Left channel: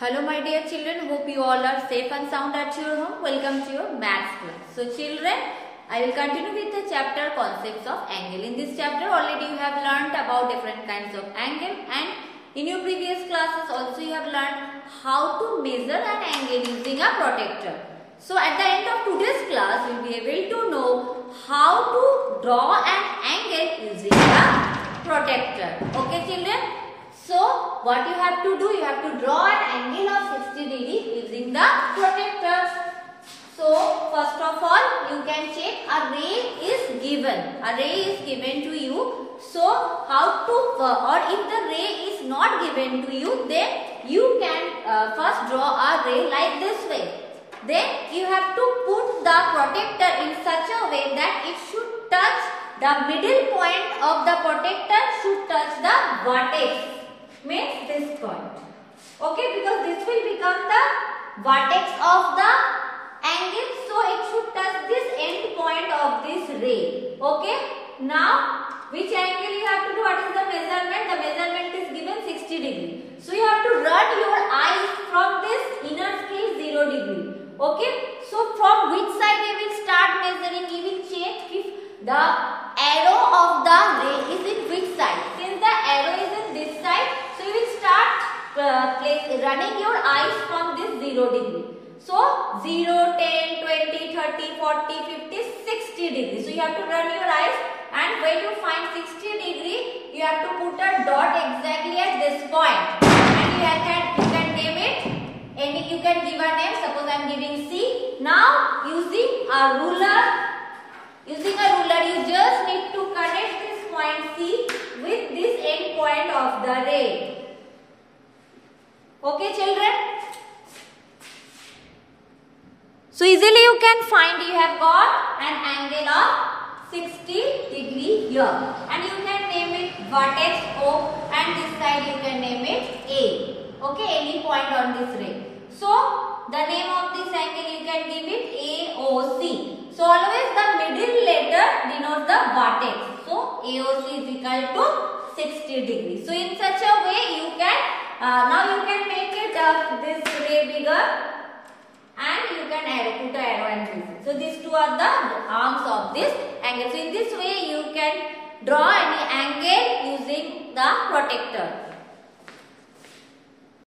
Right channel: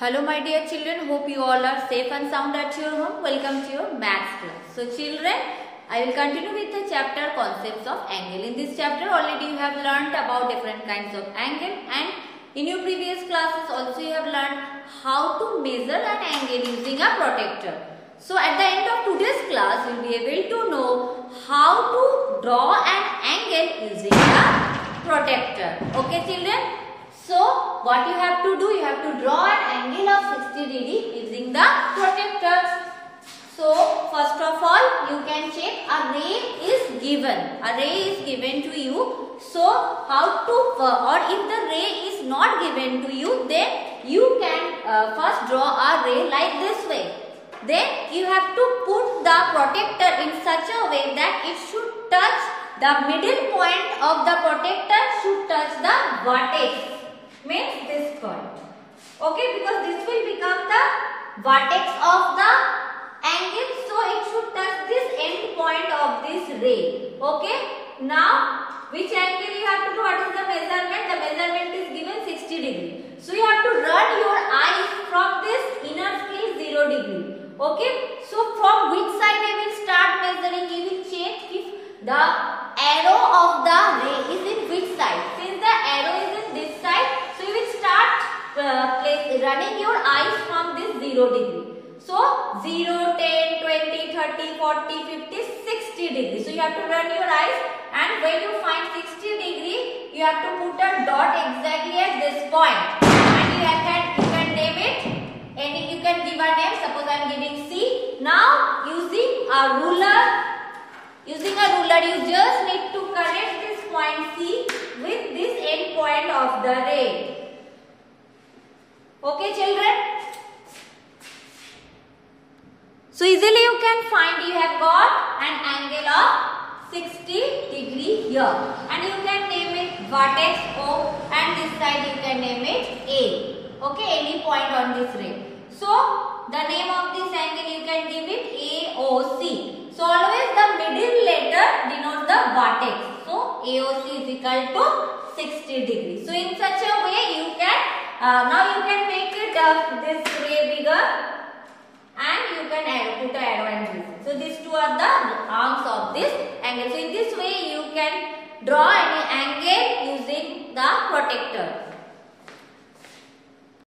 Hello my dear children, hope you all are safe and sound at your home. Welcome to your maths class. So children, I will continue with the chapter concepts of angle. In this chapter already you have learnt about different kinds of angle, and in your previous classes also you have learnt how to measure an angle using a protractor. So at the end of today's class you will be able to know how to draw an angle using a protractor. Okay children? So what you have to do, you have to draw an angle of 60 degree using the protractor. So first of all you can check a ray is given. A ray is given to you. So how to or if the ray is not given to you, then you can first draw a ray like this way. Then you have to put the protractor in such a way that it should touch the middle point of the protractor should touch the vertex. Means this point. Okay, because this will become the vertex of the angle, so it should touch this end point of this ray. Okay, now which angle you have to do? What is the measurement? The measurement is given 60 degree. So you have to run your eyes from this inner scale 0 degree. Okay, so from which side we will start measuring? You will check if the arrow of the ray is in which side. Since the arrow is in this side, so you will start running your eyes from this 0 degree. So 0, 10, 20, 30, 40, 50, 60 degree. So you have to run your eyes, and when you find 60 degree, you have to put a dot exactly at this point. And you can name it. And you can give a name. Suppose I am giving C. Now using a ruler, you just need to connect this point C with this end point of the ray. Okay children? So easily you can find you have got an angle of 60 degree here. And you can name it vertex O, and this side you can name it A. Okay, any point on this ray. So the name of this angle you can give it AOC. So always the middle letter denotes the vertex. So AOC is equal to 60 degrees. So in such a way you can now you can make it this ray bigger, and you can put an arrow and this. So these two are the arms of this angle. So in this way you can draw any angle using the protractor.